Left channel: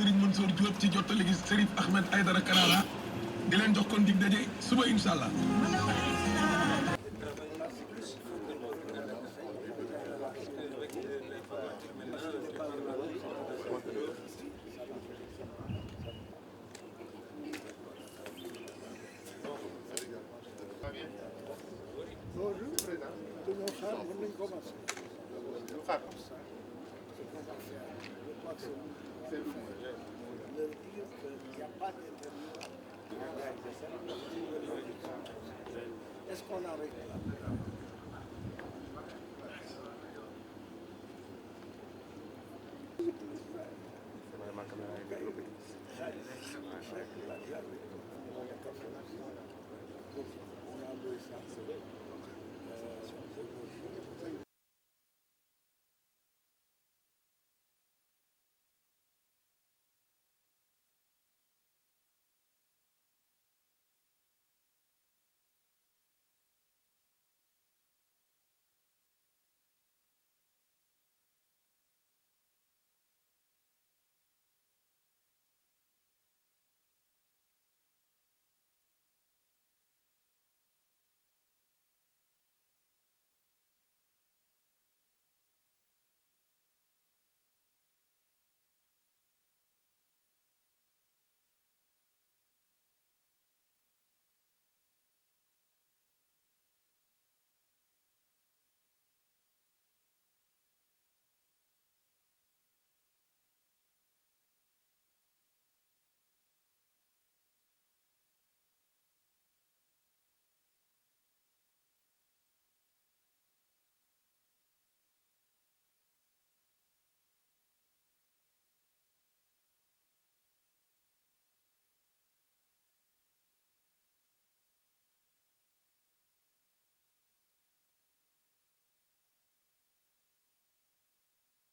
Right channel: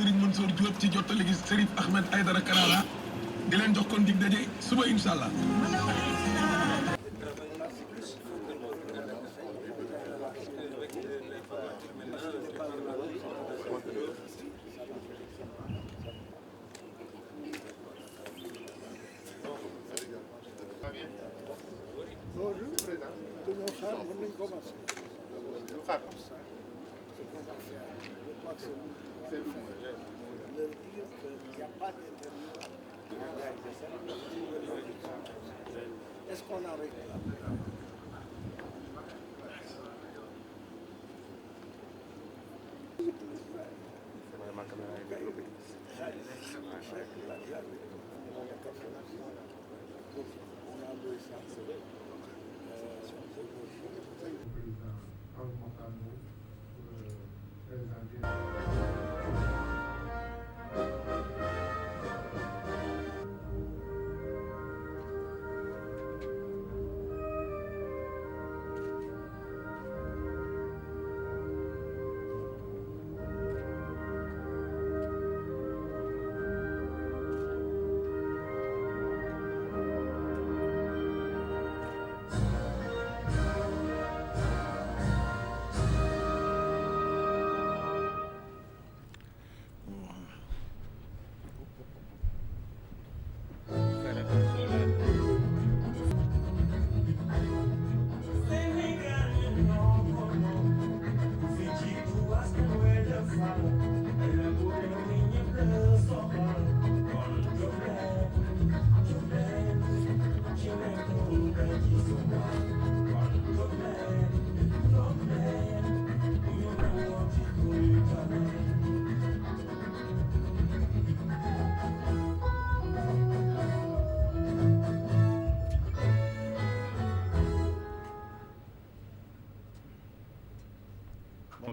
Serigne Mansour Diop ci jottali gi Serif Ahmed Aïdara Karara di leen jox kon dig daje suba incha allah. Bonjour, président. Tout le monde xaar mën nañu commencer. xaar. Leur dire qu'il n'y a pas d'interview. Est-ce qu'on arrête là?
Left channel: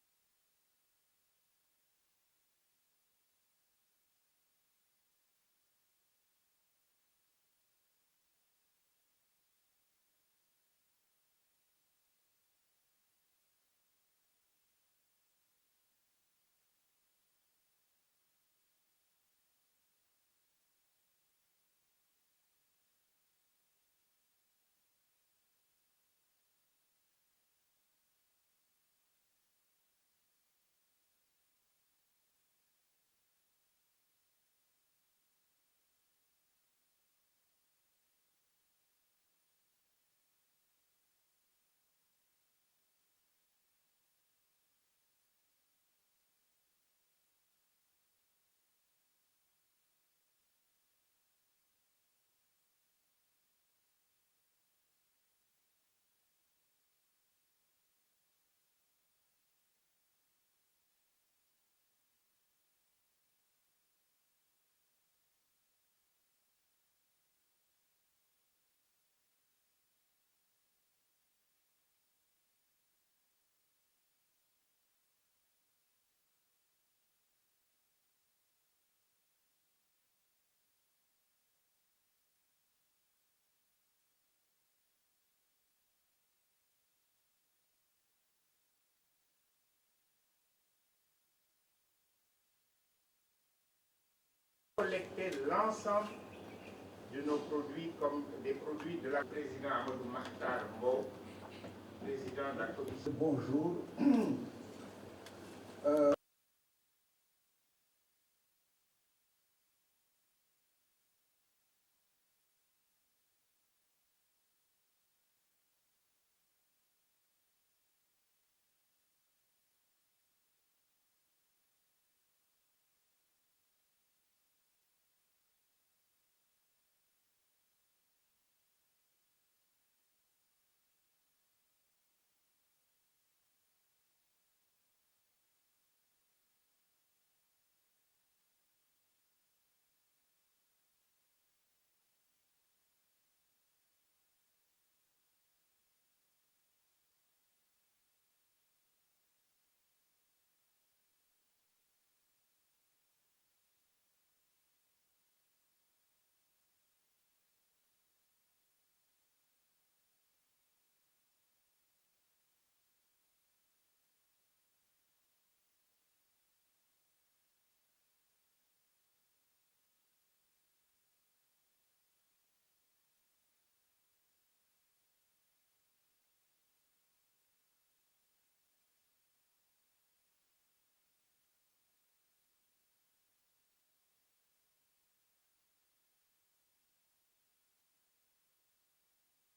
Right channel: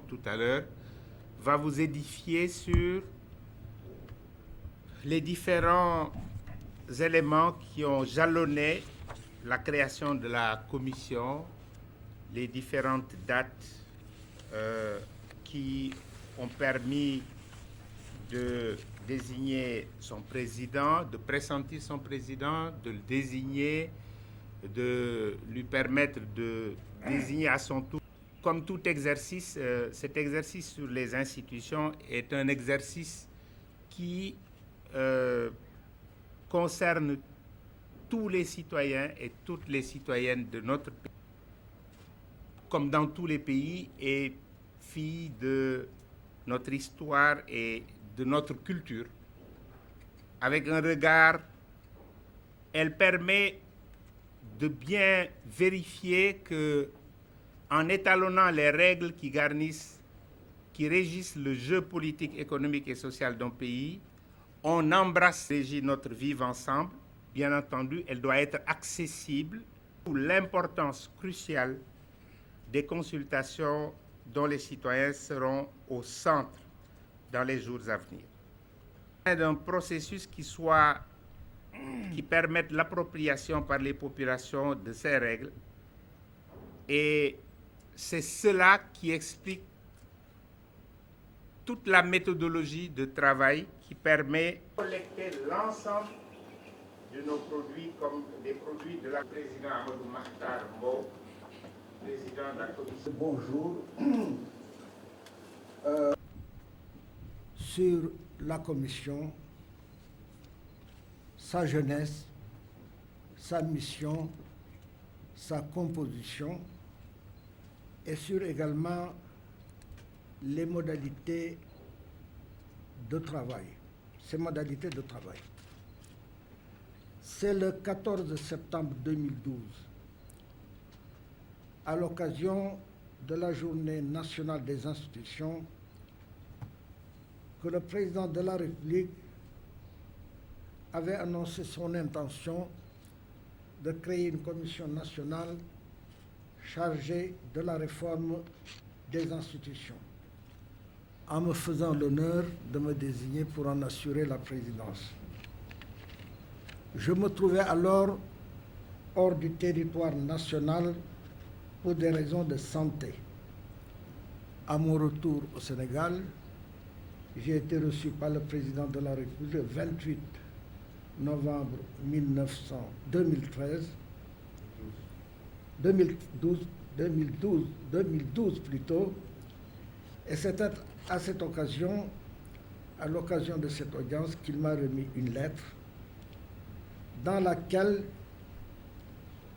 Tout à l'heure, va vous édifier sur les différents éléments qui ont jalonné la création de la commission, les différentes dates qui ont permis de désigner son président, de pressentir son président, de le désigner, de lui permettre de désigner à son tour. Comme tout exercice, cet exercice sur les institutions est un exercice qui concerne tous les citoyens et toutes les citoyennes de notre pays, comme dans tous les pays, et fille de notre histoire et de notre culture. Avec un regard, elle permet de bien vérifier que, en étalonnant les règles qui régissent le jeu politique, économique et social d'un pays, on embrasse notre vivre ensemble. Bien entendu, elle doit être accessible, pour l'importance cruciale des consultations dont les citoyens seront au centre dans les jours à venir. D'un processus qui permette l'appropriation par les populations de ces règles, et c'est cela qui explique toute la méthodologie de travail qui permet de collecter l'ensemble de nos produits comme des produits de la présidente Amadou Makhtar Mbow, président de la commission. Bonjour. Sur la commission, sa jeunesse, sa mission, sa composition, et sur également les modalités de travail, ces modalités de travail. C'est le 14 septembre 2012, à l'occasion de la Journée nationale des institutions, que le président de la République avait annoncé son intention de créer une commission nationale chargée de la réforme des institutions, en me faisant l'honneur de me désigner pour en assurer la présidence. Je me trouvais alors hors du territoire national pour des raisons de santé. À mon retour au Sénégal, j'ai été reçu par le président de la République le 28 novembre 2012 plutôt, et c'est à cette occasion, à l'occasion de cette audience, qu'il m'a remis une lettre dans laquelle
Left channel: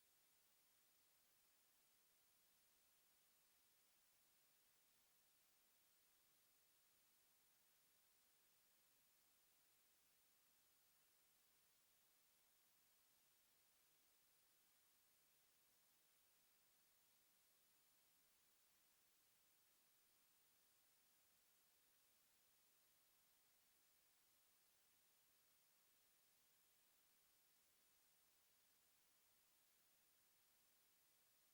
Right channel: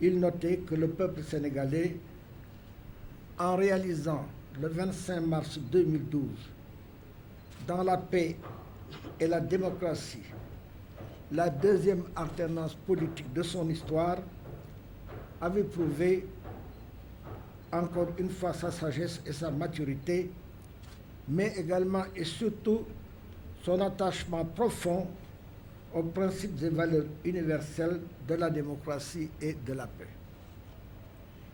il notait que le peuple sénégalais, en réalisant le 25 mars 2012, dans la paix et la démocratie, la deuxième alternance politique de son histoire, avait prouvé encore une fois sa sagesse et sa maturité, mais également et surtout son attachement profond aux principes et valeurs universelles de la démocratie et de la paix.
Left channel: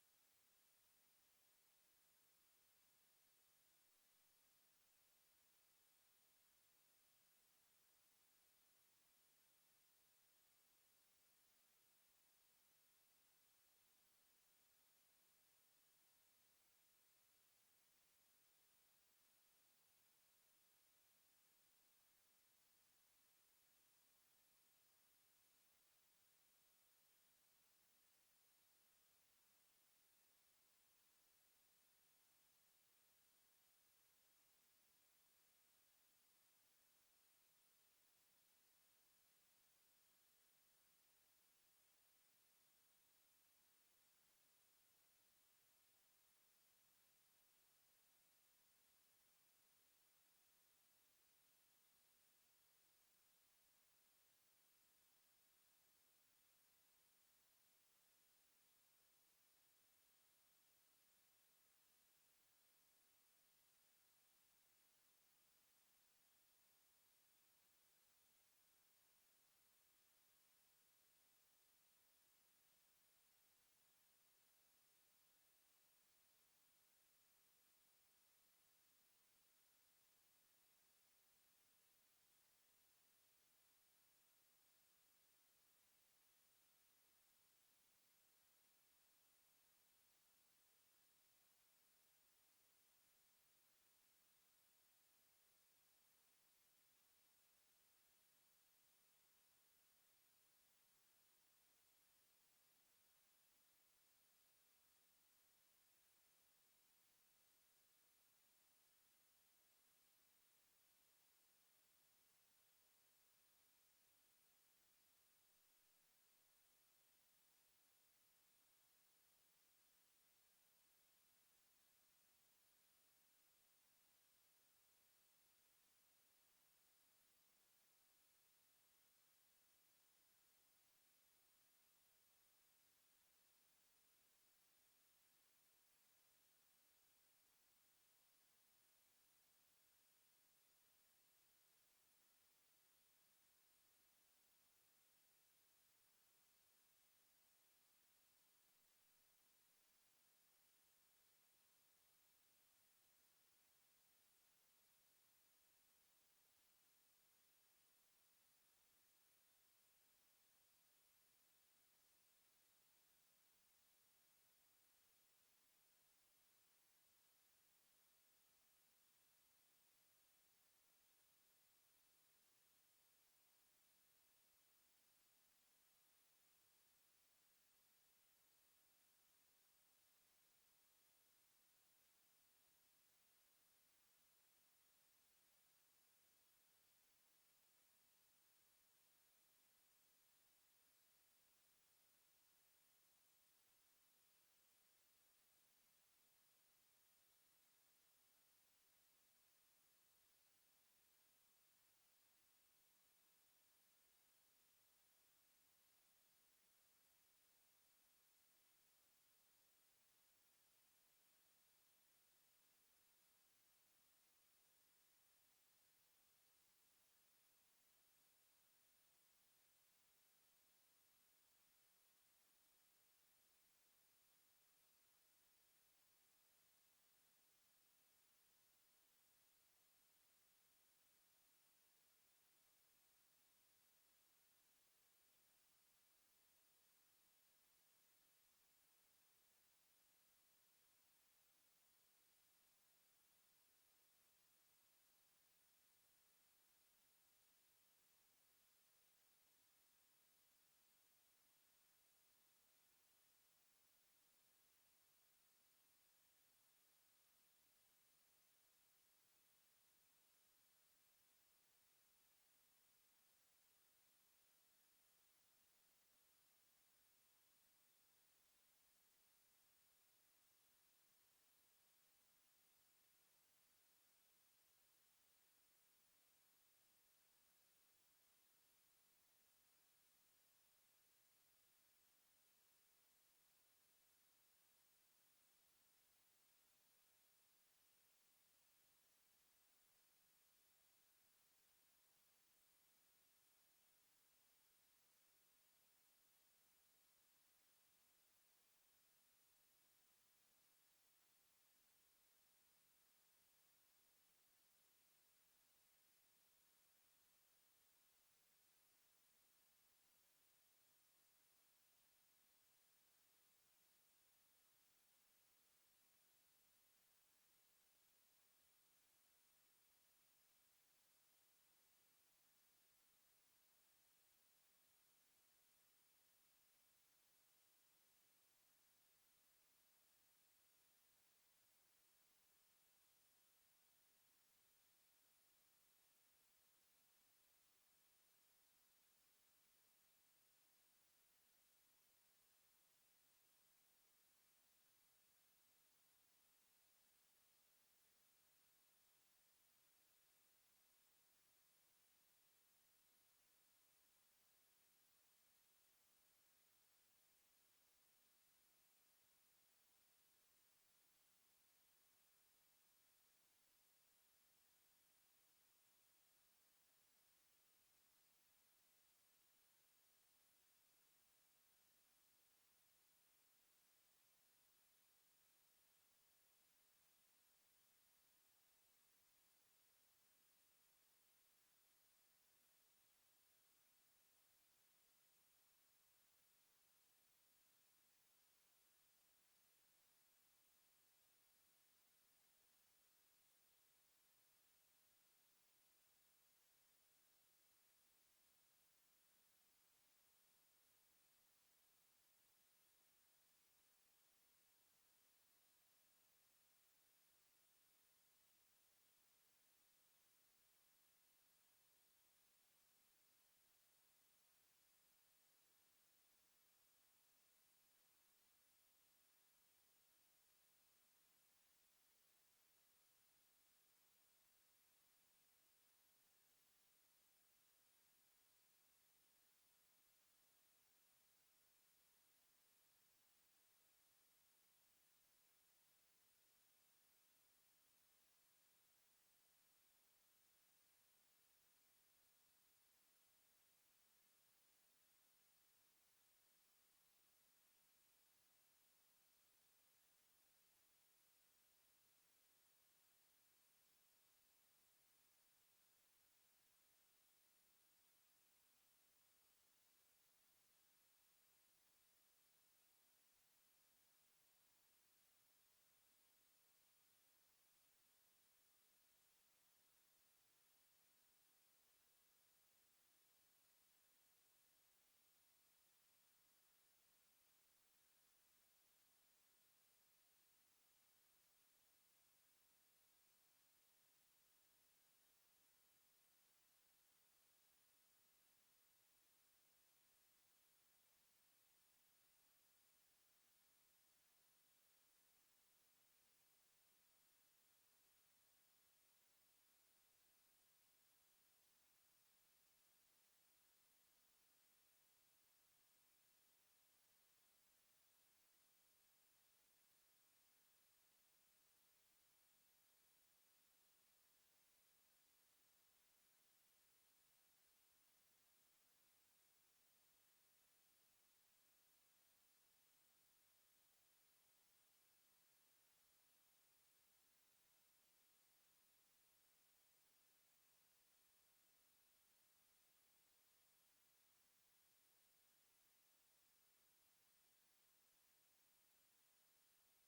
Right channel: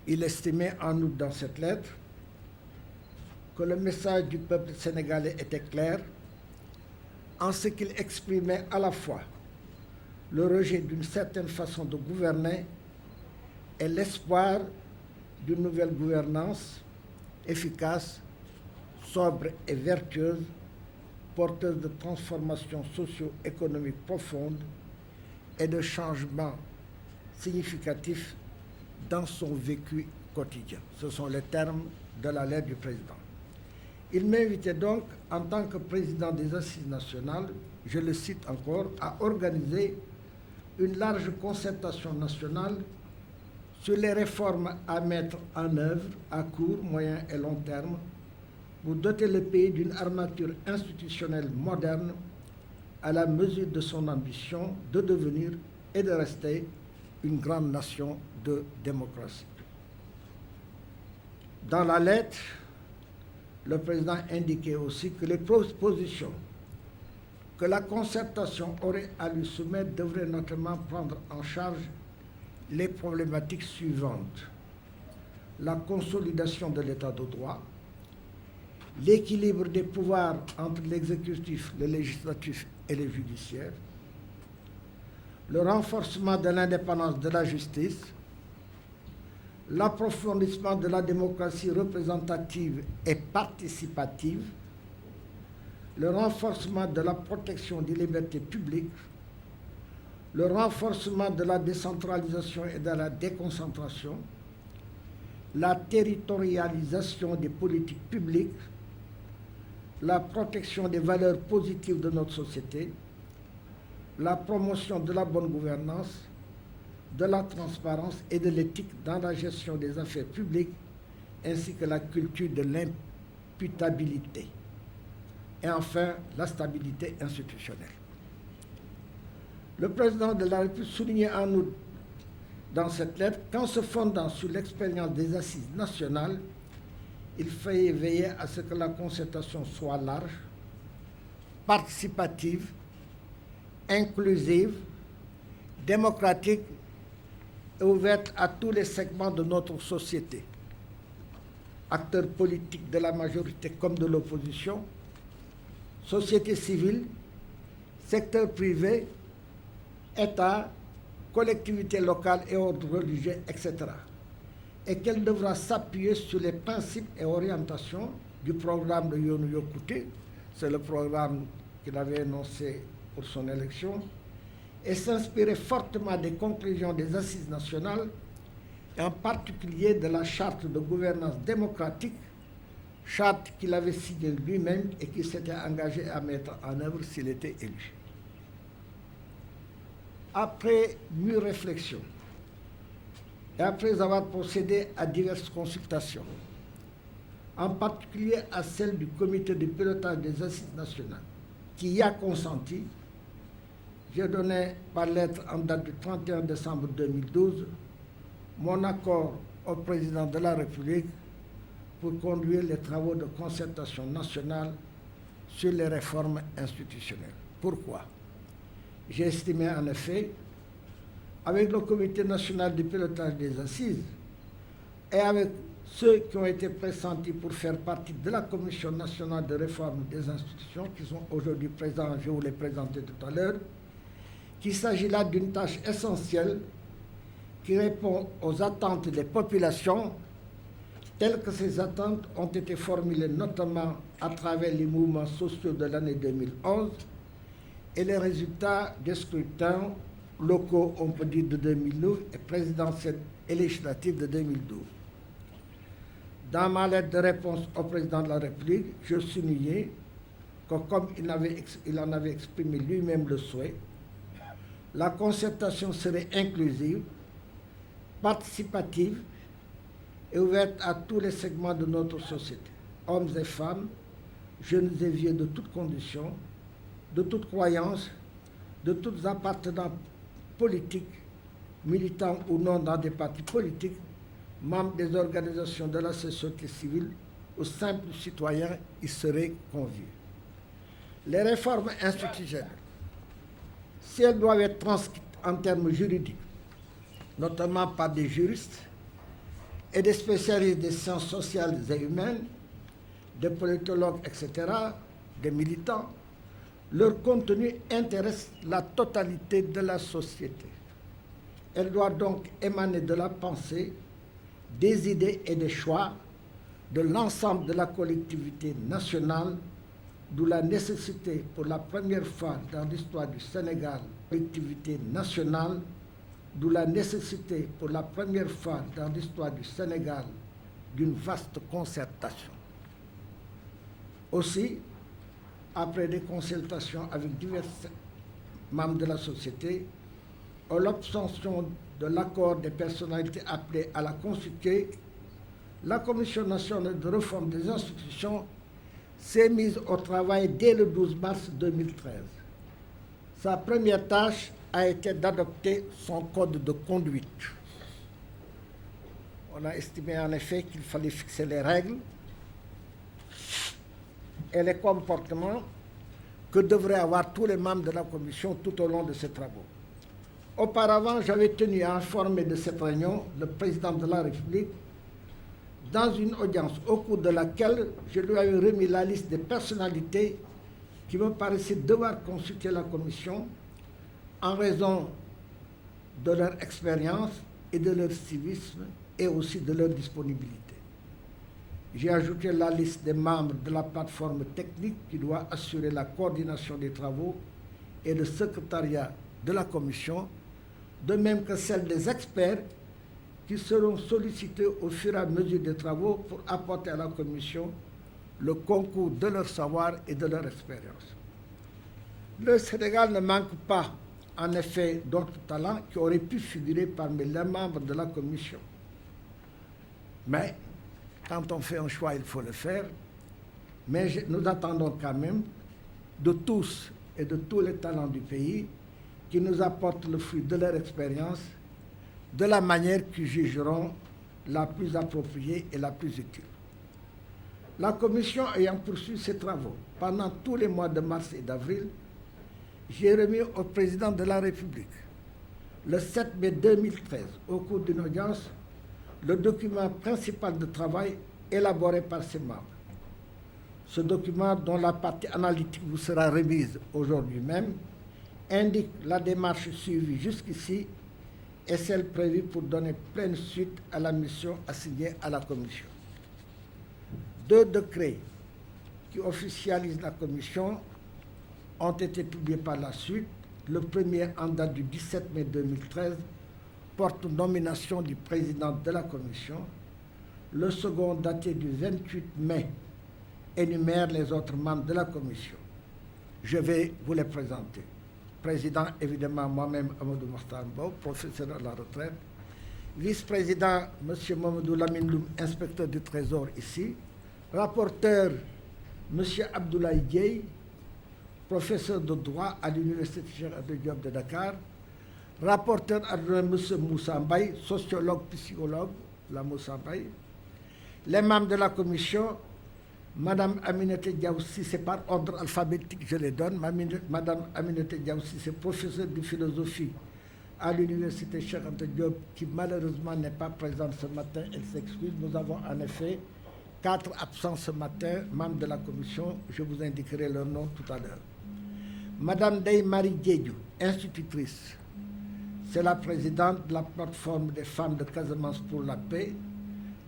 Il estimait en outre dans cette lettre que le message du peuple sénégalais était clair en ce qu'il exprimait à la fois le rejet d'une certaine façon de gouverner et l'espoir d'une nouvelle gouvernance efficace, sobre et vertueuse, porteuse de transformations socio-économiques profondes et de changements significatifs dans son vécu quotidien. Ce sont les termes de la lettre du président. Il m'invitait donc, en tant que président des Assises nationales, je le cite encore, à organiser une large concertation nationale sur les réformes à mettre en œuvre à court, moyen et long terme pour doter le pays d'une armature institutionnelle moderne à la mesure de son ambition de devenir et de rester une grande nation de démocratie. Dans la lettre, le président indiquait aussi que les propositions que la concertation aurait à lui soumettre devraient notamment prendre en charge les problématiques suivantes: la consolidation de l'état de droit, l'équilibre des pouvoirs entre l'exécutif, le législatif et le judiciaire, le renforcement de l'indépendance de la justice, l'approfondissement de la démocratie représentative et participative, le renforcement de la protection des libertés publiques, le renforcement de la décentralisation et de la déconcentration, la territorialisation des politiques publiques, la protection des valeurs positives de notre société, la promotion de la bonne gouvernance, de la transparence et de l'éthique dans la gestion des affaires publiques, ainsi que la culture de l'imputabilité. Et enfin, la stabilité institutionnelle. Le président de la République soulignait en outre dans cette lettre qu'en se fondant sur l'expérience des assises nationales, il fallait veiller à ce que la concertation soit large, participative, inclusive, démocratique et ouverte à tous les segments de notre société, acteurs politiques de la majorité comme de l'opposition, société civile, secteur privé, État, collectivités locales et ordres religieux, etc. Et qu'elle devra s'appuyer sur les principes et orientations du programme de Yoonu Yokkute, c'est le programme qu'il avait énoncé pour son élection, et s'inspirer fortement des conclusions des assises nationales, et en particulier de la charte de gouvernance démocratique, charte qu'il avait signée lui-même et qu'il s'était engagé à mettre en œuvre s'il était élu. Après mûre réflexion, et après avoir procédé à diverses consultations, en particulier à celle du comité de pilotage des assises nationales, qui y a consenti, j'ai donné par lettre en date du 31 décembre 2012 mon accord au président de la République pour conduire les travaux de concertation nationale sur les réformes institutionnelles. Pourquoi? J'ai estimé en effet, avec le comité national de pilotage des assises et avec ceux qui ont été pressentis pour faire partie de la Commission nationale de réforme des institutions, qui sont aujourd'hui présents, je vous les présentais tout à l'heure, qu'il s'agit là d'une tâche essentielle qui répond aux attentes des populations telles que ces attentes ont été formulées notamment à travers les mouvements sociaux de l'année 2011 et les résultats des scrutins locaux, on peut dire, de 2009 et présidentiels et législatifs de 2012. Dans ma lettre de réponse au président de la République, je soulignais que comme il en avait exprimé lui-même le souhait, la concertation serait inclusive, participative et ouverte à tous les segments de notre société, hommes et femmes, jeunes et vieux de toutes conditions, de toutes croyances, de toutes appartenances politiques, militants ou non dans des partis politiques, membres des organisations de la société civile ou simples citoyens y seraient conviés. Les réformes institutionnelles, si elles doivent être transcrites en termes juridiques, notamment par des juristes et des spécialistes des sciences sociales et humaines, des politologues, etc., des militants, leur contenu intéresse la totalité de la société. Elle doit donc émaner de la pensée, des idées et des choix de l'ensemble de la collectivité nationale, d'où la nécessité pour la première fois dans l'histoire du Sénégal, collectivité nationale, d'où la nécessité pour la première fois dans l'histoire du Sénégal d'une vaste concertation. Aussi, après des consultations avec divers membres de la société, en l'obtention de l'accord des personnalités appelées à la consulter, la Commission nationale de réforme des institutions s'est mise au travail dès le 12 mars 2013. Sa première tâche a été d'adopter son code de conduite. On a estimé en effet qu'il fallait fixer les règles et les comportements que devraient avoir tous les membres de la Commission tout au long de ses travaux. Auparavant, j'avais tenu à informer de cette réunion le président de la République dans une audience au cours de laquelle je lui avais remis la liste des personnalités qui me paraissaient devoir consulter la Commission en raison de leur expérience et de leur civisme et aussi de leur disponibilité. J'ai ajouté la liste des membres de la plateforme technique qui doit assurer la coordination des travaux et le secrétariat de la Commission, de même que celle des experts qui seront sollicités au fur et à mesure des travaux pour apporter à la Commission le concours de leur savoir et de leur expérience. Le Sénégal ne manque pas, en effet, d'autres talents qui auraient pu figurer parmi les membres de la Commission. Mais, quand on fait un choix, il faut le faire. Mais nous attendons quand même de tous et de tous les talents du pays qui nous apportent le fruit de leur expérience, de la manière qu'ils jugeront la plus appropriée et la plus utile. La Commission ayant poursuivi ses travaux pendant tous les mois de mars et d'avril, j'ai remis au président de la République, le 7 mai 2013, au cours d'une audience, le document principal de travail élaboré par ses membres. Ce document, dont la partie analytique vous sera remise aujourd'hui même, indique la démarche suivie jusqu'ici et celle prévue pour donner pleine suite à la mission assignée à la Commission. 2 décrets qui officialisent la Commission ont été publiés par la suite. Le premier, en date du 17 mai 2013, porte nomination du président de la Commission. Le second, daté du 28 mai, énumère les autres membres de la Commission. Je vais vous les présenter. Président, évidemment, moi-même, Amadou Mokhtar Mbow, professeur à la retraite. Vice-président, M. Mamadou Lamine Loum, inspecteur du Trésor ici. Rapporteur, M. Abdoulaye Dieye, professeur de droit à l'Université Cheikh Anta Diop de Dakar. Rapporteur adjoint, M. Moussa Mbaye, sociologue, psychologue, la Moussa Mbaye. Les membres de la commission, Madame Aminata Diaw Cissé, par ordre alphabétique, je les donne. Madame Aminata Diaw Cissé, professeure de philosophie à l'Université Cheikh Anta Diop, qui malheureusement n'est pas présente ce matin, elle s'excuse. Nous avons en effet 4 absents ce matin, membres de la commission. Je vous indiquerai leur nom tout à l'heure. Madame Ndeye Marie Diédhiou, institutrice. C'est la présidente de la plateforme des femmes de Casamance pour la paix,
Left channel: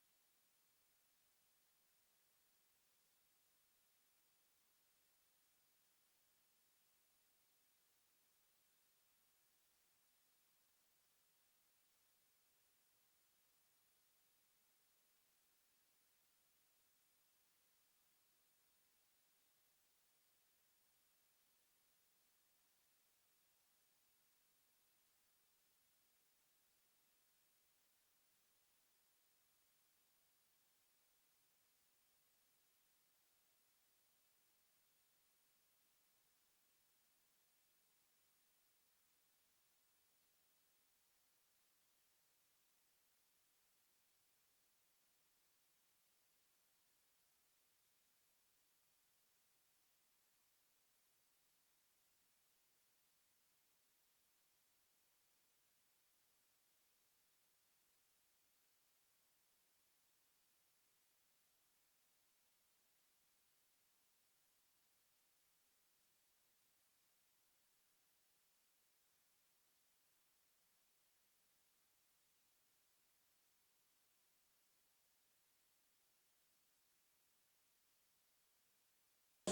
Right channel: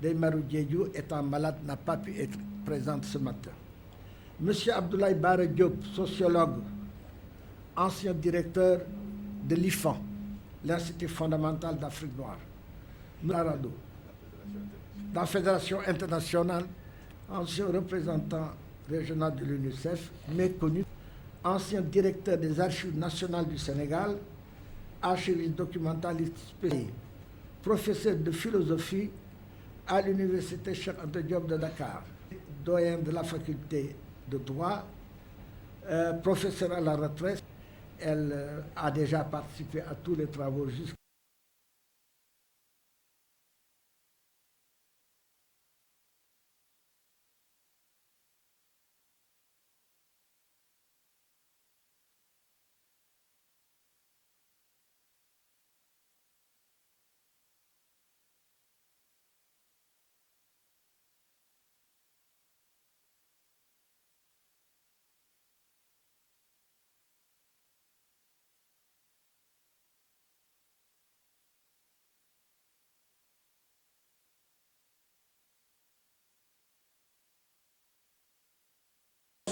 Deymarou Diédhiou, étant malade, n'a pas pu être présente ce matin. Monsieur Abdoulaye Bara Diop, sociologue, ancien directeur de l'IFAN, l'Institut fondamental d'Afrique noire. Arado, dans la Fédération internationale, ancien représentant régional de l'UNICEF, méconnu, ancien directeur des Archives nationales du Sénégal, archiviste documentaliste spécialisé, professeur de philosophie à l'Université Cheikh Anta Diop de Dakar, doyen de la faculté de droit, professeur à la retraite. Elle a déjà participé à tous les travaux jusqu'à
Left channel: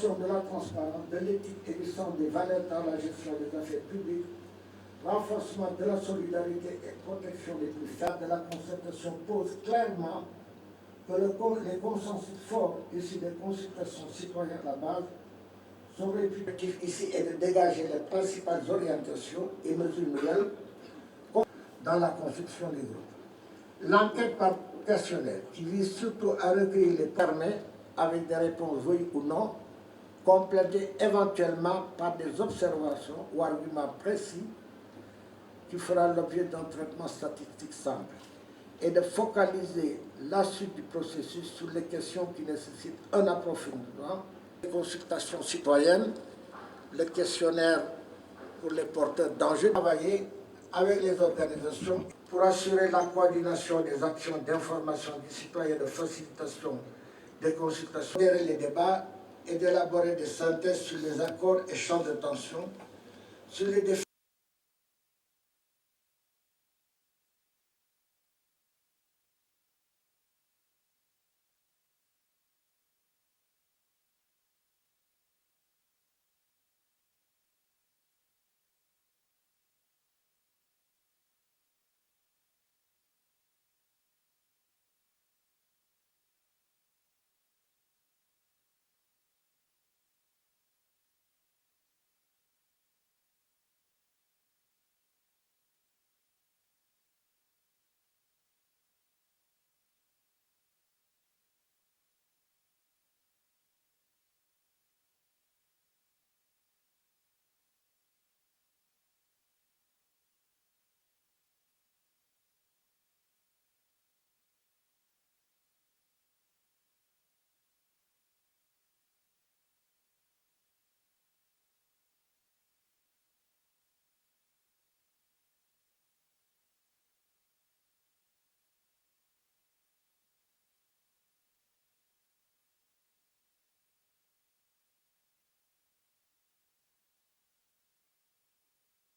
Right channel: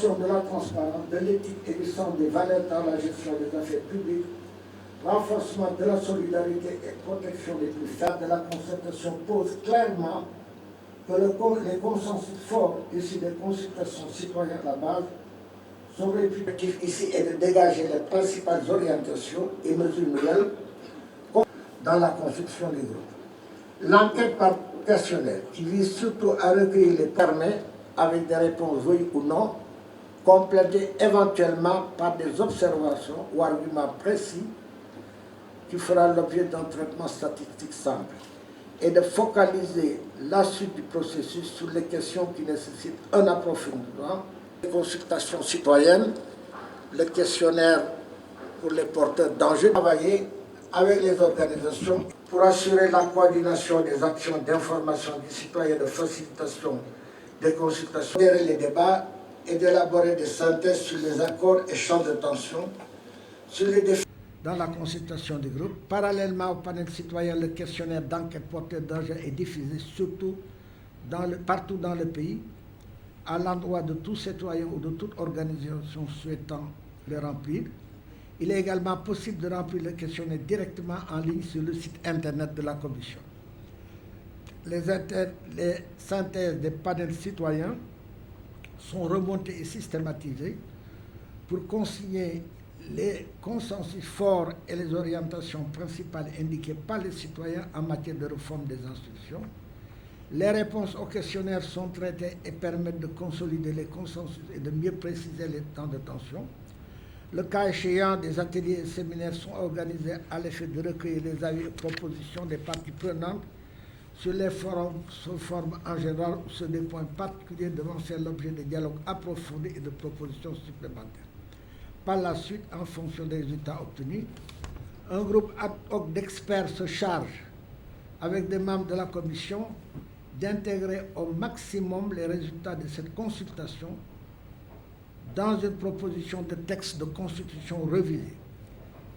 de la transparence, de l'éthique et du sens des valeurs dans la gestion des affaires publiques, renforcement de la solidarité et protection des plus faibles de la concertation pose clairement que les consensus forts issus des consultations citoyennes à la base sont républicatifs ici et de dégager les principales orientations et mesures nouvelles dans la construction des groupes. L'enquête par questionnaire, qui vise surtout à recueillir les permet, avec des réponses oui ou non, complétées éventuellement par des observations ou arguments précis qui fera l'objet d'un traitement statistique simple, et de focaliser la suite du processus sur les questions qui nécessitent un approfondissement. Les consultations citoyennes, le questionnaire pour les porteurs d'enjeux, travailler avec les organisations pour assurer la coordination des actions d'information des citoyens, de facilitation des consultations, gérer les débats et d'élaborer des synthèses sur les accords et champs de tension, sur les défis. Dans la consultation des groupes, parallèlement au panel citoyen, le questionnaire d'enquête porteur d'enjeux est diffusé partout dans le pays, à l'endroit de tout citoyen ou de toute organisation souhaitant le remplir. Il est également possible de remplir le questionnaire directement en ligne sur le site internet de la Commission. Les synthèses des panels citoyens sont remontées et systématisées pour consigner les consensus forts et les orientations principales indiquées par les citoyens en matière de réforme des institutions. Les réponses aux questionnaires sont traitées et permettent de consolider les consensus et de mieux préciser les temps de tension. Le cas échéant, des ateliers et séminaires sont organisés à l'effet de recueillir les avis et propositions des parties prenantes sur les forums en général ou sur des points particuliers devant faire l'objet de dialogues approfondis et de propositions supplémentaires. Par la suite, en fonction des résultats obtenus, un groupe ad hoc d'experts se charge, avec des membres de la Commission, d'intégrer au maximum les résultats de cette consultation dans une proposition de texte de constitution révisée.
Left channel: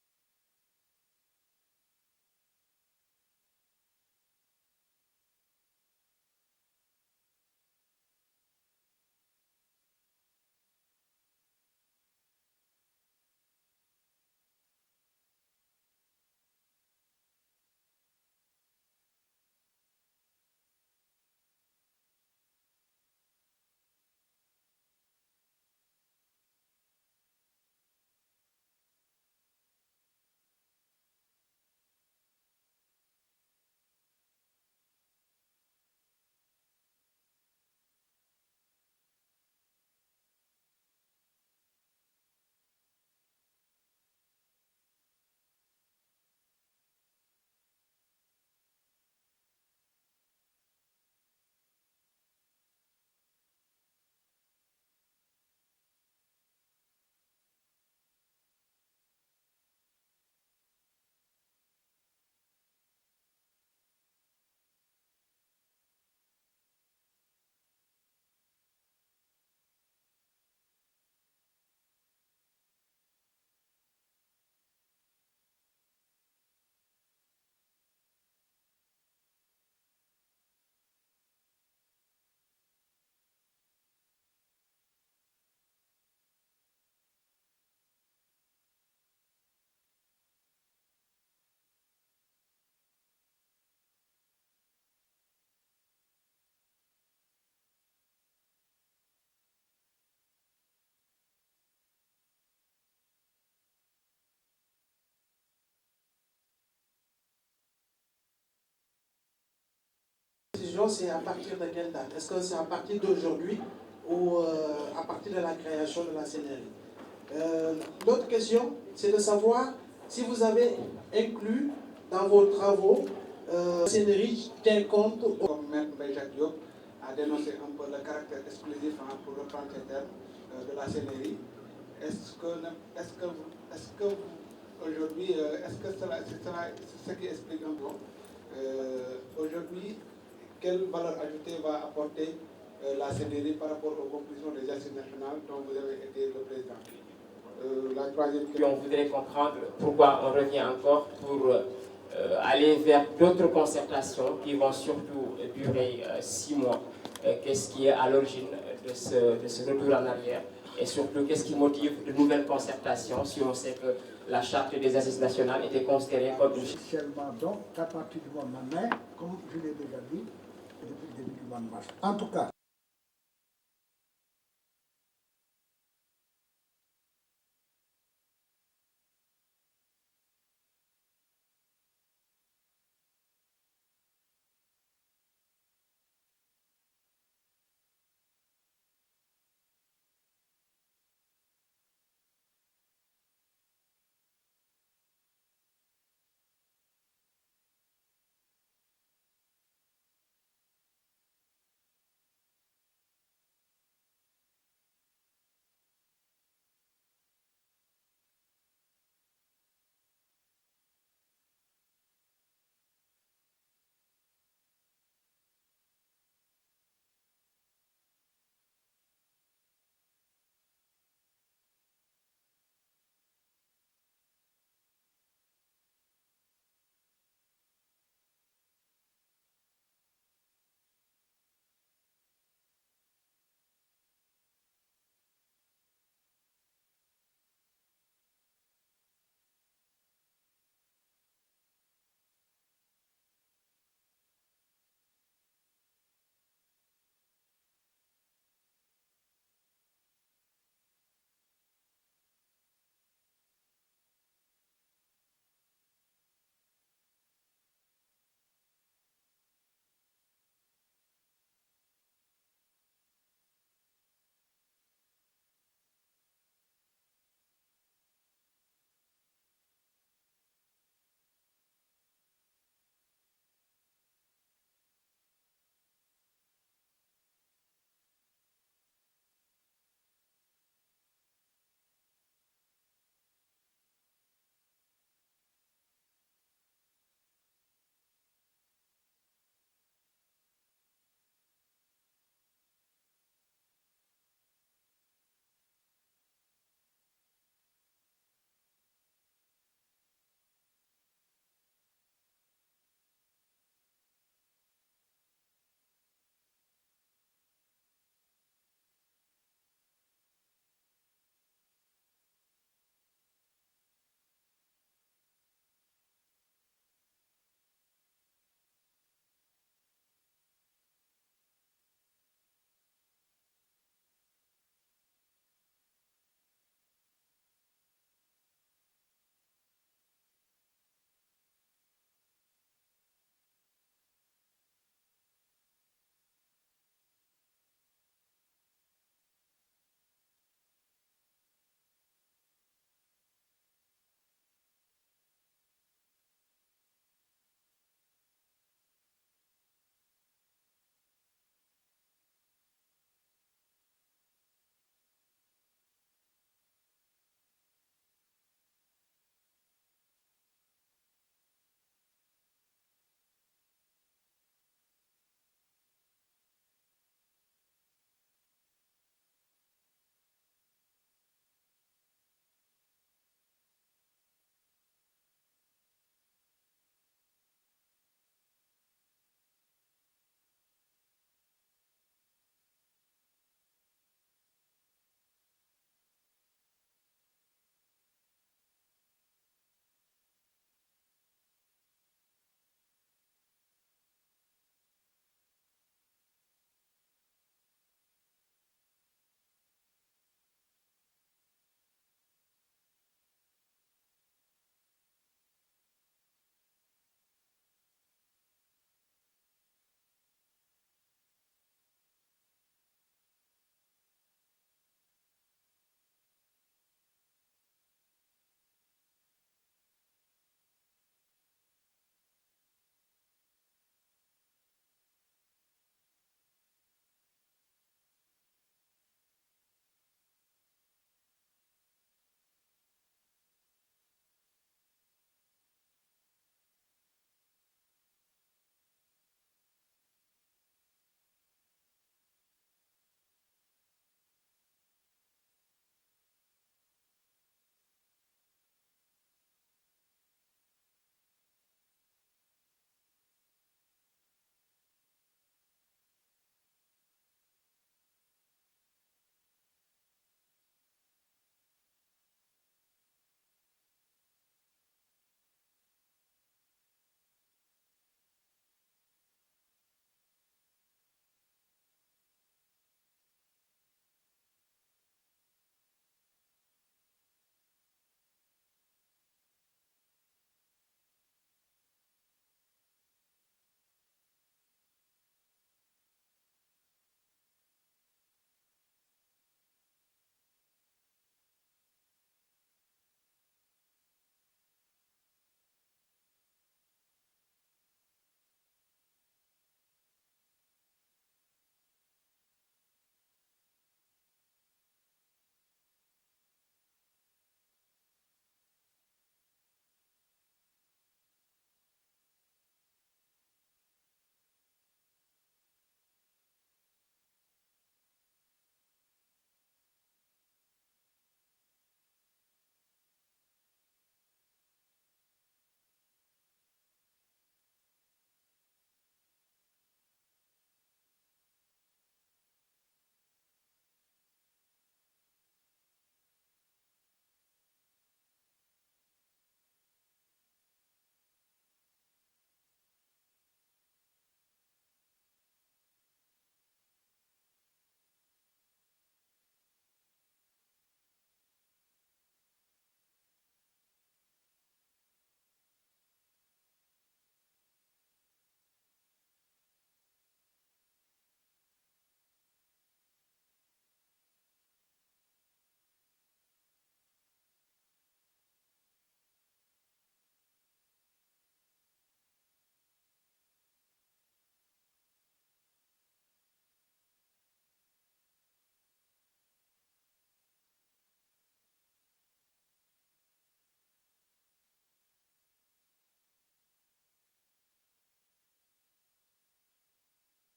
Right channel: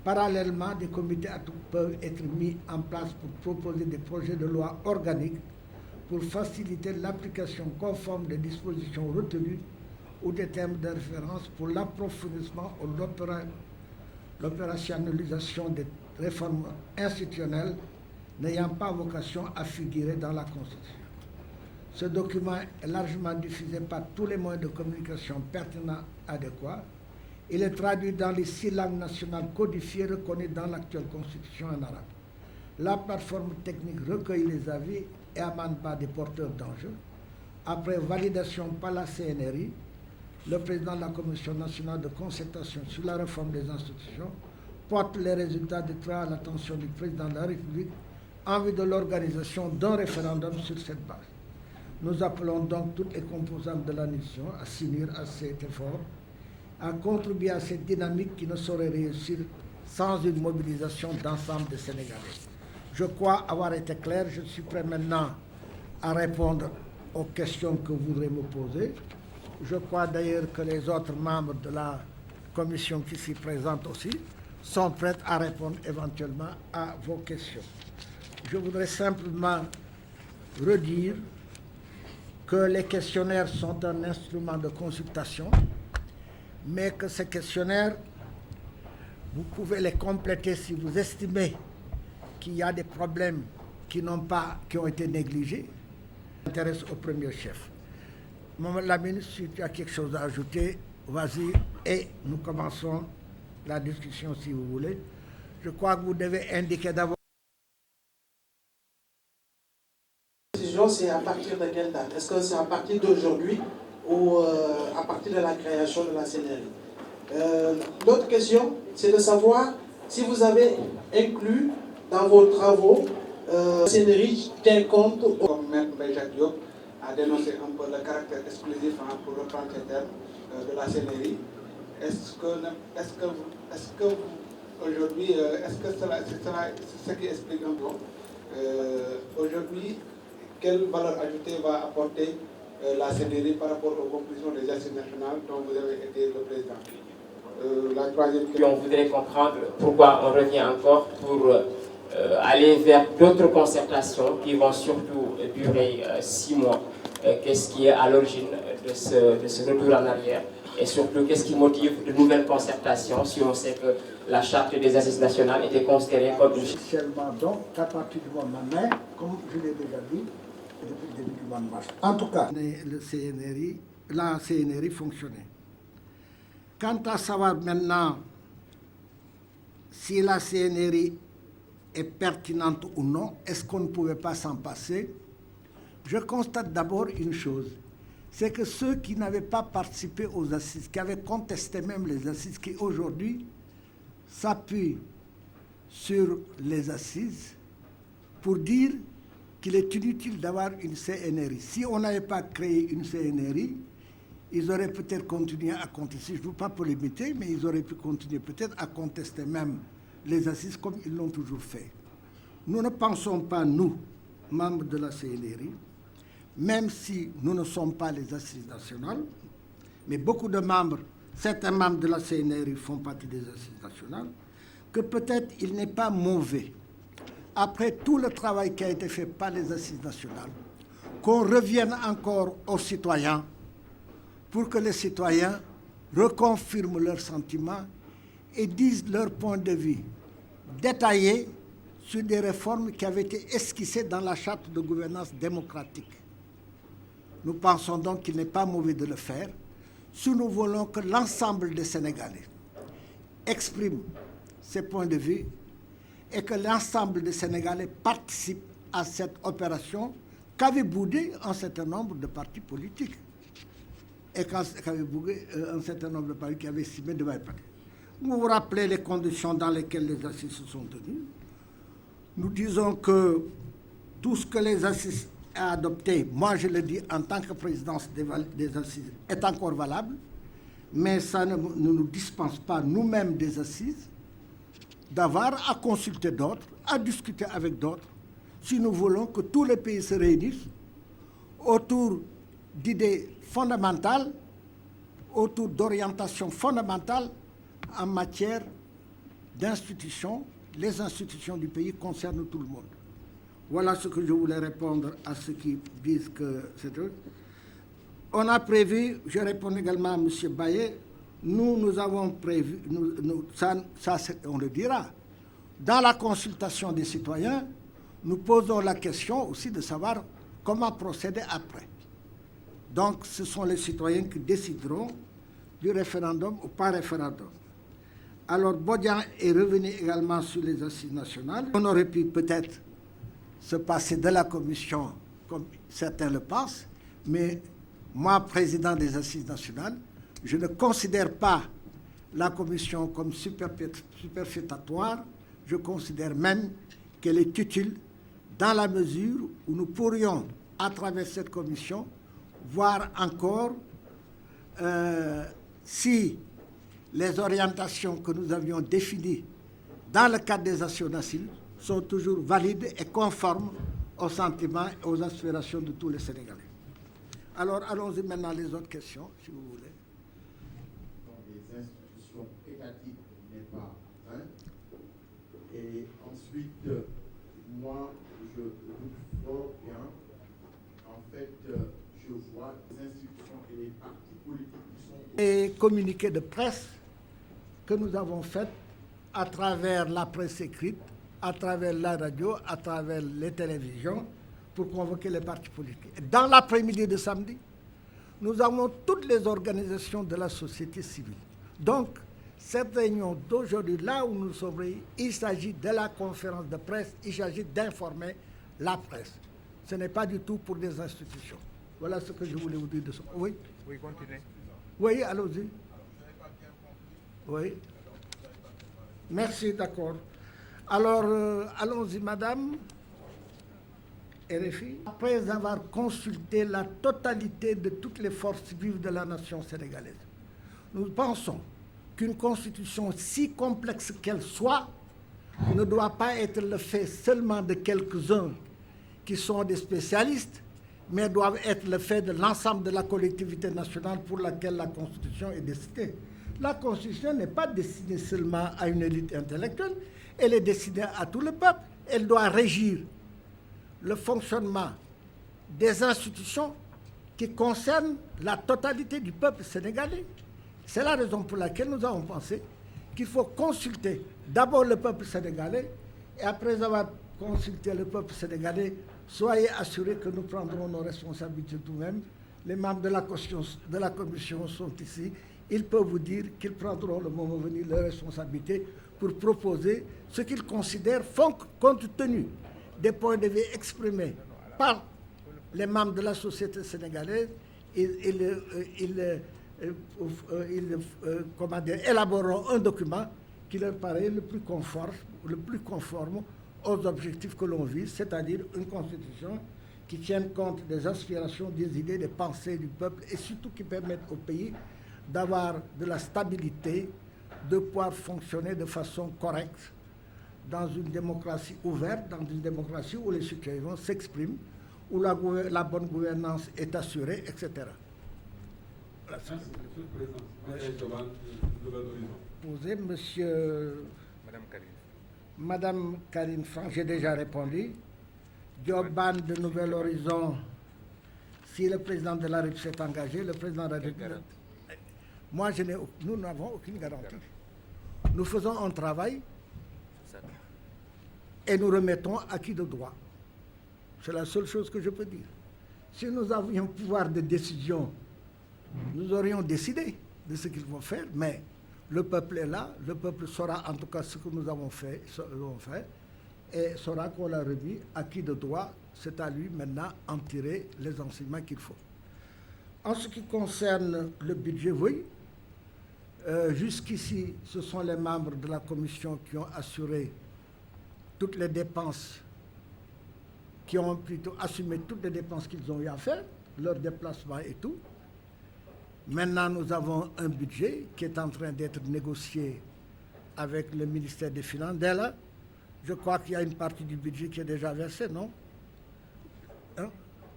Parallèlement, des comités ad hoc peuvent être mis en place pour proposer des projets de loi organiques pour faciliter l'application conforme des dispositions retenues ou des termes de référence pour l'approfondissement ou l'opérationnalisation des réformes institutionnelles n'ayant pas vocation à figurer dans la Constitution. Ce document est largement diffusé par tous les moyens de communication pertinents adéquats. Il est traduit dans les 6 langues nationales codifiées reconnues dans l'actuelle Constitution en arabe. La plateforme technique recueille les avis et amendements des porteurs d'enjeux. Après validation par la CNRI, le président de la Commission nationale de concertation sur la réforme des institutions porte les résultats du travail à l'attention du président de la République en vue de l'organisation d'un référendum sur cette base. Nous appelons donc toutes les composantes de la nation à s'unir à cet effort, à contribuer à cette dynamique qui ne saurait réussir sans une mobilisation d'ensemble des Sénégalais. Je crois avoir été clair. Je suis prêt maintenant à répondre aux questions que vous voudrez me poser. Je crois d'ailleurs que les autres membres de la commission qui s'y présentent aussi sont prêts à répondre éventuellement à vos questions. Je voudrais simplement redire que les questionnaires sont un instrument de consultation, mais que ces questionnaires, vous pouvez les compléter si vous estimez qu'il y a des problèmes qui ont été négligés. Ça intéresse au premier chef. Mamadou Lamine, si tu as quelque chose à ajouter, vas-y et nous commençons la discussion si vous voulez. Je crois que vous devez indiquer d'abord. La décision, c'est à partir de quelle date? Est-ce que c'est à partir d'aujourd'hui ou à partir de la création de la CNRI? L'autre question, c'est de savoir si vous avez inclus dans vos travaux la CNRI tient compte, comme Maître Mbaye Diop a dénoncé un peu le caractère exclusif, pour reprendre ces termes, de la CNRI. Est-ce que aujourd'hui, est-ce que c'est ce qui explique un peu aujourd'hui, quelle valeur ajoutée va apporter la CNRI par rapport aux conclusions des assises nationales dont vous avez été le président? La troisième question. On voudrait comprendre pourquoi on revient encore pour aller vers d'autres concertations qui vont surtout durer 6 mois. Qu'est-ce qui est à l'origine de ce retour en arrière? Et surtout, qu'est-ce qui motive de nouvelles concertations si on sait que la charte des assises nationales était considérée comme une... Officiellement donc, à partir du mois de mai, comme je l'ai déjà dit, depuis le début du mois de mars. En tout cas, la CNRI fonctionnait. Quant à savoir maintenant si la CNRI est pertinente ou non, est-ce qu'on ne pouvait pas s'en passer? Je constate d'abord une chose, c'est que ceux qui n'avaient pas participé aux assises, qui avaient contesté même les assises, qui aujourd'hui s'appuient sur les assises pour dire qu'il est inutile d'avoir une CNRI. Si on n'avait pas créé une CNRI, ils auraient peut-être continué à contester, je ne veux pas polémiquer, mais ils auraient pu continuer peut-être à contester même les assises comme ils l'ont toujours fait. Nous ne pensons pas, nous, membres de la CNRI, même si nous ne sommes pas les assises nationales, mais beaucoup de membres, certains membres de la CNRI font partie des assises nationales, que peut-être il n'est pas mauvais, après tout le travail qui a été fait par les assises nationales, qu'on revienne encore aux citoyens pour que les citoyens reconfirment leurs sentiments et disent leur point de vue détaillé sur des réformes qui avaient été esquissées dans la charte de gouvernance démocratique. Nous pensons donc qu'il n'est pas mauvais de le faire si nous voulons que l'ensemble des Sénégalais expriment ses points de vue et que l'ensemble des Sénégalais participent à cette opération qu'avaient boudé un certain nombre de partis politiques et qu'avaient boudé un certain nombre de partis qui avaient estimé de mal. Vous vous rappelez les conditions dans lesquelles les assises se sont tenues. Nous disons que tout ce que les assises ont adopté, moi je le dis en tant que présidence des assises, est encore valable, mais ça ne nous dispense pas nous-mêmes des assises d'avoir à consulter d'autres, à discuter avec d'autres, si nous voulons que tous les pays se réunissent autour d'idées fondamentales, autour d'orientations fondamentales en matière d'institutions. Les institutions du pays concernent tout le monde. Voilà ce que je voulais répondre à ceux qui disent que c'est eux. On a prévu, je réponds également à M. Baillet, nous avons prévu, ça on le dira, dans la consultation des citoyens, nous posons la question aussi de savoir comment procéder après. Donc ce sont les citoyens qui décideront du référendum ou pas référendum. Alors Bodian est revenu également sur les assises nationales. On aurait pu peut-être se passer de la commission comme certains le pensent, mais moi, président des assises nationales, je ne considère pas la commission comme superfétatoire. Je considère même qu'elle est utile dans la mesure où nous pourrions, à travers cette commission, voir encore si les orientations que nous avions définies dans le cadre des assises sont toujours valides et conformes aux sentiments et aux aspirations de tous les Sénégalais. Alors, allons-y maintenant les autres questions, si vous voulez. Les institutions étatiques n'est pas un. Et ensuite, moi, je doute fort bien communiqués de presse que nous avons faits à travers la presse écrite, à travers la radio, à travers les télévisions, pour convoquer les partis politiques. Dans l'après-midi de samedi, nous avons toutes les organisations de la société civile. Donc, cette réunion d'aujourd'hui, là où nous sommes, il s'agit de la conférence de presse, il s'agit d'informer la presse. Ce n'est pas du tout pour des institutions. Voilà ce que je voulais vous dire de ça. Oui? Oui, continuez. Oui, allons-y. Oui. Merci, d'accord. Alors, allons-y, madame. RFI. Après avoir consulté la totalité de toutes les forces vives de la nation sénégalaise, nous pensons qu'une constitution, si complexe qu'elle soit, ne doit pas être le fait seulement de quelques-uns qui sont des spécialistes, mais doivent être le fait de l'ensemble de la collectivité nationale pour laquelle la Constitution est destinée. La Constitution n'est pas destinée seulement à une élite intellectuelle, elle est destinée à tout le peuple. Elle doit régir le fonctionnement des institutions qui concernent la totalité du peuple sénégalais. C'est la raison pour laquelle nous avons pensé qu'il faut consulter d'abord le peuple sénégalais et après avoir consulté le peuple sénégalais, soyez assurés que nous prendrons nos responsabilités nous-mêmes. Les membres de la commission sont ici. Ils peuvent vous dire qu'ils prendront le moment venu leurs responsabilités pour proposer ce qu'ils considèrent font compte tenu des points de vue exprimés par les membres de la société sénégalaise. Ils élaboreront un document qui leur paraît le plus conforme aux objectifs que l'on vise, c'est-à-dire une constitution qui tienne compte des aspirations, des idées, des pensées du peuple et surtout qui permette au pays d'avoir de la stabilité, de pouvoir fonctionner de façon correcte dans une démocratie ouverte, dans une démocratie où les citoyens s'expriment, où la bonne gouvernance est assurée, etc. Voilà. Posez, monsieur... Madame Karine Franck, j'ai déjà répondu. Dioban de Nouvel Horizon, si le président de la République s'est engagé, le président de la République... Moi, nous n'avons aucune garantie. Nous faisons un travail et nous remettons acquis de droit. C'est la seule chose que je peux dire. Si nous avions pouvoir de décision, nous aurions décidé de ce qu'il faut faire, mais le peuple est là, le peuple saura en tout cas ce que nous avons fait et saura qu'on l'a remis acquis de droit. C'est à lui maintenant en tirer les enseignements qu'il faut. En ce qui concerne le budget, oui, jusqu'ici, ce sont les membres de la commission qui ont assuré toutes les dépenses, qui ont plutôt assumé toutes les dépenses qu'ils ont eu à faire, leurs déplacements et tout. Maintenant, nous avons un budget qui est en train d'être négocié avec le ministère des Finances. Dès là, je crois qu'il y a une partie du budget qui est déjà versée, non? Hein?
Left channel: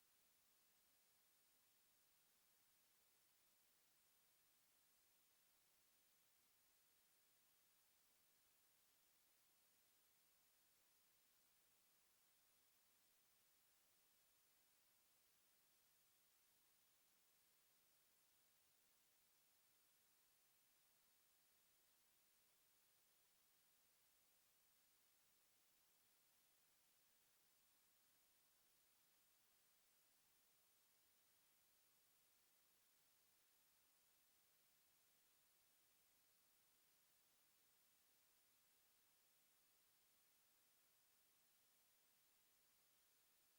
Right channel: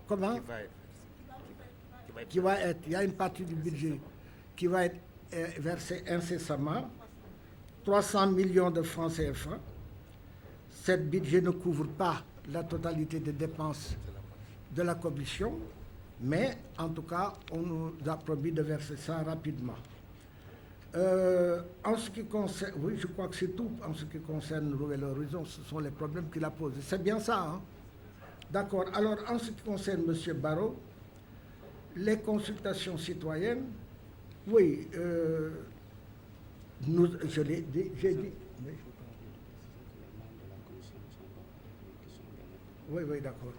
Comment? Il y a une partie du budget qui va être versée incessamment, 300 millions de francs CFA. Ce budget ne couvre pas la totalité des dépenses de la commission, mais en tout cas, on nous a promis de verser ça rapidement. En ce qui concerne, oui, je crois que c'est tout. En ce qui concerne Nouvel Horizon, ce sont les problèmes qu'il a posés. C'est bien ça, hein? D'accord. Alors, en ce qui concerne M. Barrot, les consultations citoyennes, oui, je l'ai dit, j'ai dit. Oui, d'accord.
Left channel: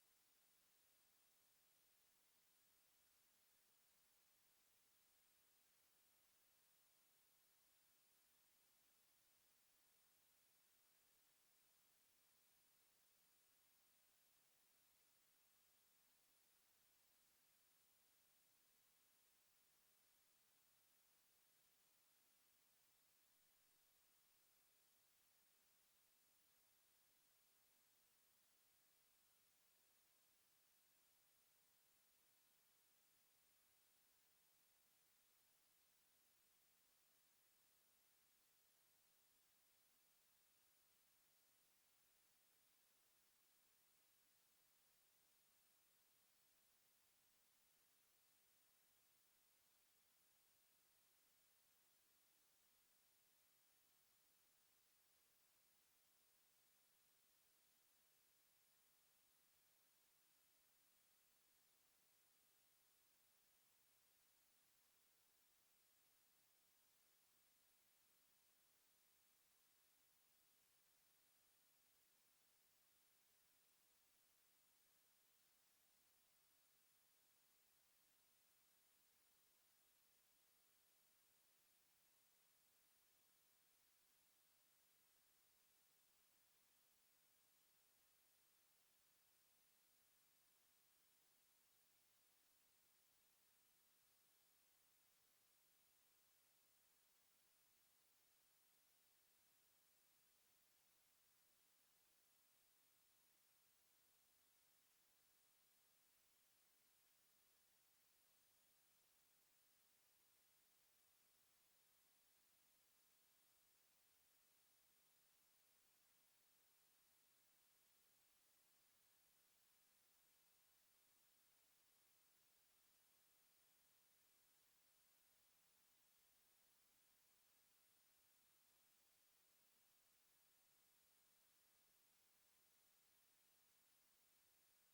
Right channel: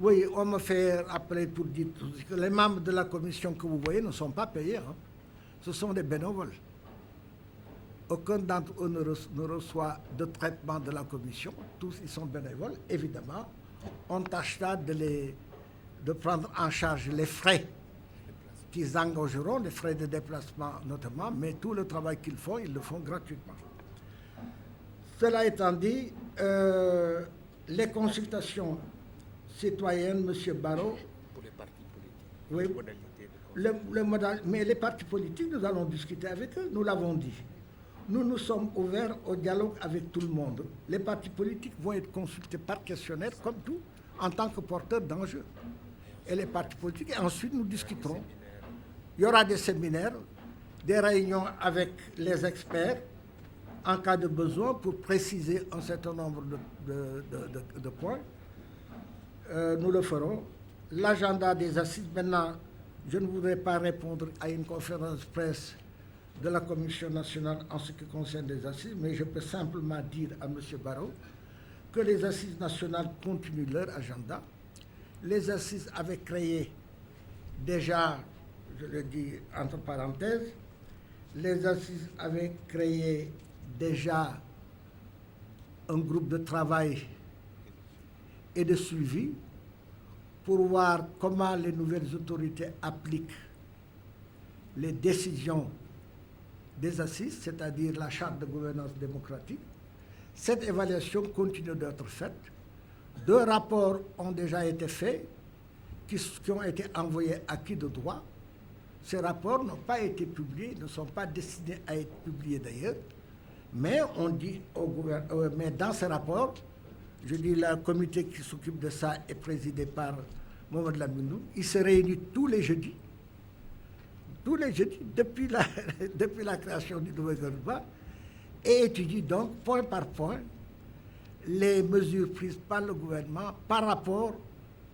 Oui, on me fait appeler pour dire que les membres de la commission que vous voyez ne sont pas payés. Hein. Ce sont des bénévoles. Aucun d'entre eux ne reçoit de traitement de la commission. Tous, ils sont bénévoles. Évidemment, on tâchera de prendre en charge les frais qu'ils engageront, les frais de déplacement notamment, mais tout le travail qu'ils font, ils le font gratuitement. Cela étant dit, les consultations citoyennes, M. Barrot, Pour les partis politiques, oui, mais les partis politiques, nous allons discuter avec eux, nous l'avons dit. Nous sommes ouverts au dialogue avec tout le monde. Les partis politiques vont être consultés par questionnaire, comme tout, en tant que porteurs d'enjeux. Et les partis politiques, et ensuite nous discuterons. Il y aura des séminaires des réunions avec les experts en cas de besoin pour préciser un certain nombre de points. Nous le ferons. L'agenda des assises, maintenant, je ne voudrais pas répondre à une conférence presse de la Commission nationale en ce qui concerne les assises, mais je peux simplement dire à M. Barrot que les assises nationales continuent leur agenda. Les assises avaient créé déjà, je le dis entre parenthèses, les assises avaient créé déjà un groupe de travail et de suivi pour voir comment les nouvelles autorités appliquent les décisions des assises, c'est-à-dire la charte de gouvernance démocratique. Cette évaluation continue d'être faite. 2 rapports ont déjà été faits, qui ont été envoyés à qui de droit. Ces rapports n'ont pas été publiés, ne sont pas destinés à être publiés d'ailleurs, mais on dit au gouvernement, mais dans ces rapports, je dis le comité qui s'occupe de ça est présidé par Mohamed Lamine. Il se réunit tous les jeudis, depuis la création du nouveau gouvernement, et étudie donc point par point les mesures prises par le gouvernement par rapport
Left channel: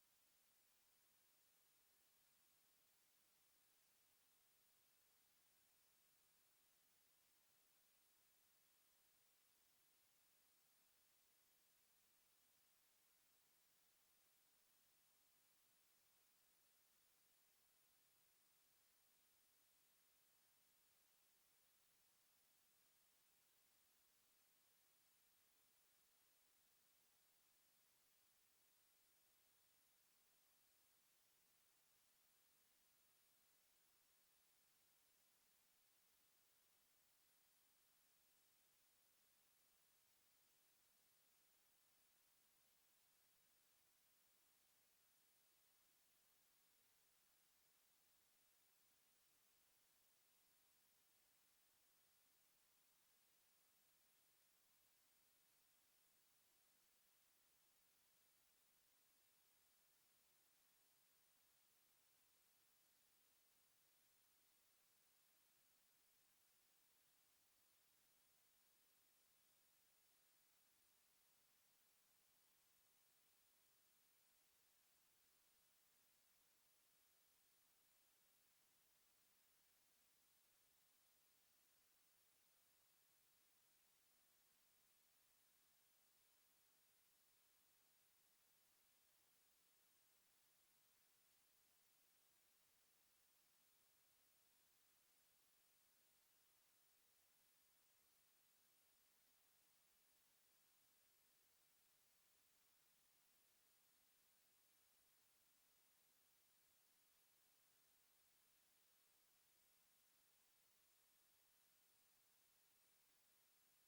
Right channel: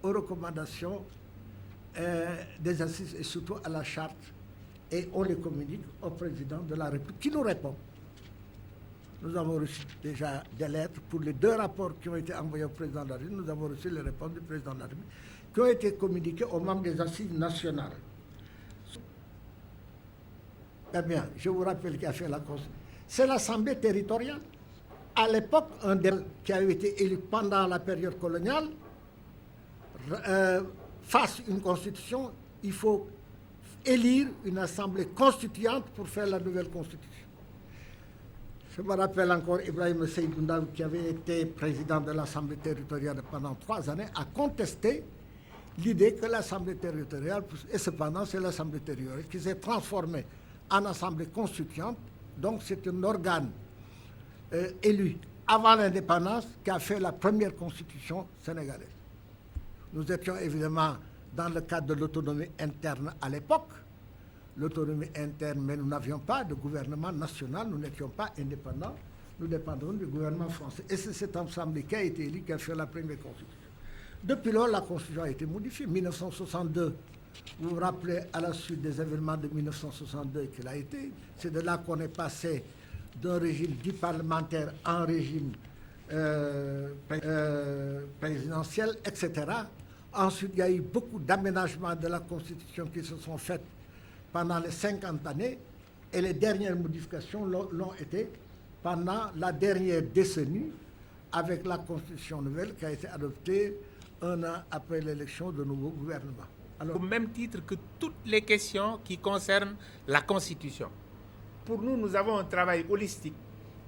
aux recommandations des assises et surtout à la charte, et on les communique au président de la République qui nous répond. Nous avons reçu déjà des lettres pour les 2 rapports qui ont été envoyés au président de la République. Nous avons reçu les réponses du président de la République qui ont été communiquées aux membres des assises nationales. Eh bien, je vous rappelle qui a fait la Constitution. C'est l'Assemblée territoriale. À l'époque, un des qui a été élu pendant la période coloniale, fasse une constitution, il faut élire une assemblée constituante pour faire la nouvelle constitution. Je me rappelle encore Ibrahim Seydou Ndaw, qui avait été président de l'Assemblée territoriale pendant 3 années, a contesté l'idée que l'Assemblée territoriale, et cependant c'est l'Assemblée territoriale qui s'est transformée en Assemblée constituante, donc c'est un organe élu avant l'indépendance qui a fait la première constitution sénégalaise. Nous étions évidemment dans le cadre de l'autonomie interne à l'époque, l'autonomie interne, mais nous n'avions pas de gouvernement national, nous n'étions pas indépendants, nous dépendions du gouvernement français. Et c'est cette assemblée qui a été élue qui a fait la première constitution. Depuis lors, la constitution a été modifiée. 1962, vous vous rappelez, à la suite des événements de 1962 qu'il a été, c'est de là qu'on est passé d'un régime dit parlementaire à un régime présidentiel, etc. Ensuite, il y a eu beaucoup d'aménagements de la Constitution qui se sont faits pendant les 50 années, et les dernières modifications l'ont été pendant la dernière décennie avec la Constitution nouvelle qui a été adoptée 1 an après l'élection de nouveau gouvernement. Alors, au même titre que toutes les questions qui concernent la Constitution. Pour nous, nous avons un travail holistique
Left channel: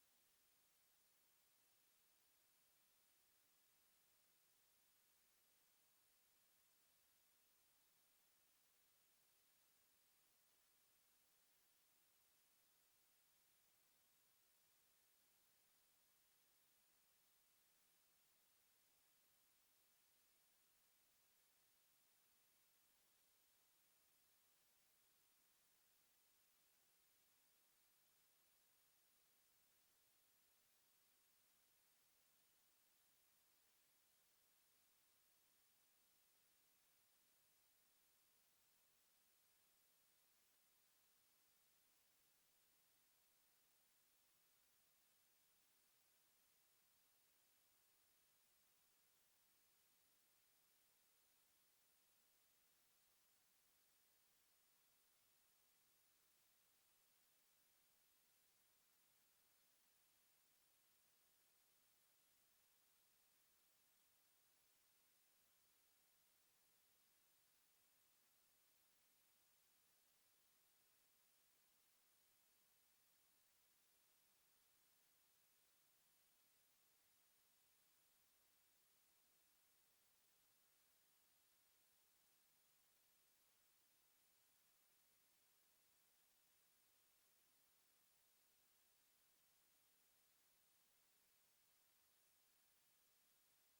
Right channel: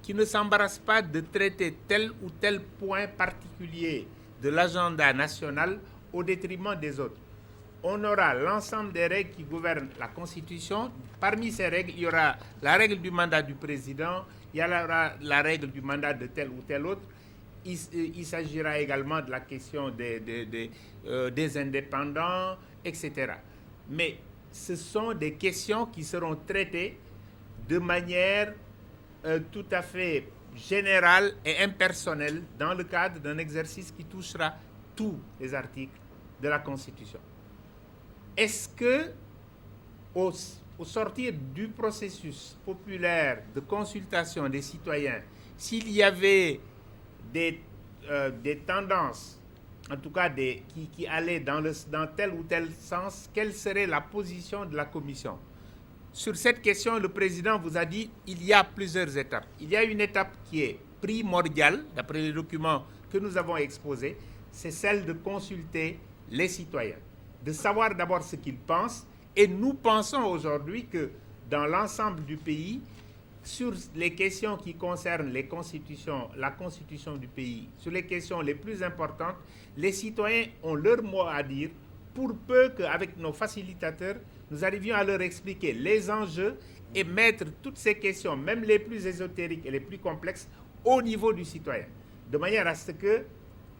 qui ne s'embarrasse pas de traiter tel ou tel point particulier de l'agenda national au détriment des autres. On aura l'ensemble des règles qui gouvernent la Constitution. Parmi ces règles, il y aura la règle du mandat du président, il y aura la règle du mandat de tel ou tel autre. Il s'agira également de la question des indépendants, etc. Mais ce sont des questions qui seront traitées de manière tout à fait générale et impersonnelle dans le cadre d'un exercice qui touchera tous les articles de la Constitution. Est-ce que, au sortir du processus populaire de consultation des citoyens, s'il y avait des tendances, en tout cas qui allaient dans tel ou tel sens, quelle serait la position de la Commission? Sur cette question, le président vous a dit qu'il y a plusieurs étapes. Il y a une étape qui est primordiale, d'après les documents que nous avons exposés, c'est celle de consulter les citoyens, de savoir d'abord ce qu'ils pensent. Et nous pensons aujourd'hui que dans l'ensemble du pays, sur les questions qui concernent la constitution du pays, sur les questions les plus importantes, les citoyens ont leur mot à dire, pour peu qu'avec nos facilitateurs, nous arrivions à leur expliquer les enjeux et mettre toutes ces questions, même les plus ésotériques et les plus complexes, au niveau du citoyen, de manière à ce que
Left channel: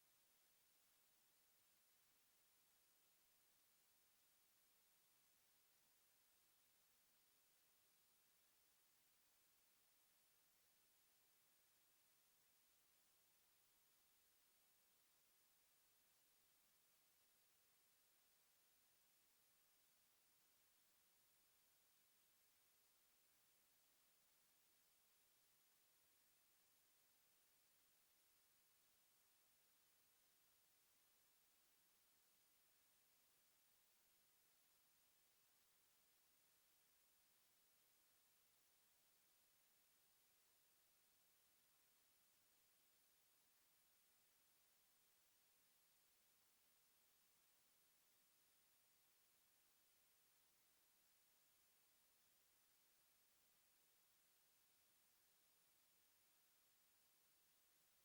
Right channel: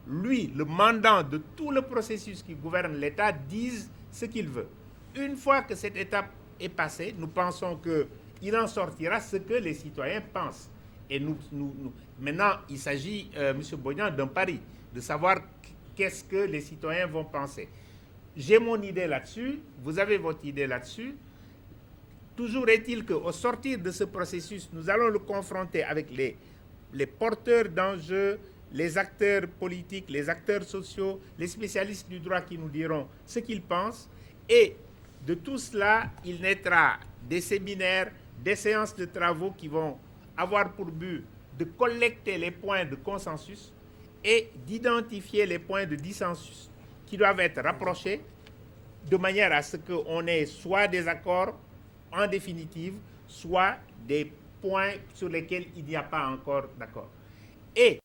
lui, le mandant de tout le processus qui gouverne l'État, dise ce qu'il veut. Une fois que cette étape est passé. Nous pensons qu'il en sortira ce que les citoyens pensent. Et maintenant, il s'agit, M. Bodian, d'un pari, de savoir qu'est-ce que les citoyens vont penser. J'ai mon idée là-dessus, vous avez votre idée là-dessus. Toujours est-il qu'au sortir de ce processus, nous allons le confronter avec les porteurs d'enjeux, les acteurs politiques, les acteurs sociaux, les spécialistes du droit qui nous diront ce qu'ils pensent. Et de tout cela, il naîtra des séminaires, des séances de travaux qui vont avoir pour but de collecter les points de consensus et d'identifier les points de dissensus qui doivent être rapprochés de manière à ce qu'on ait soit des accords en définitive, soit des points sur lesquels il n'y a pas encore d'accord. Et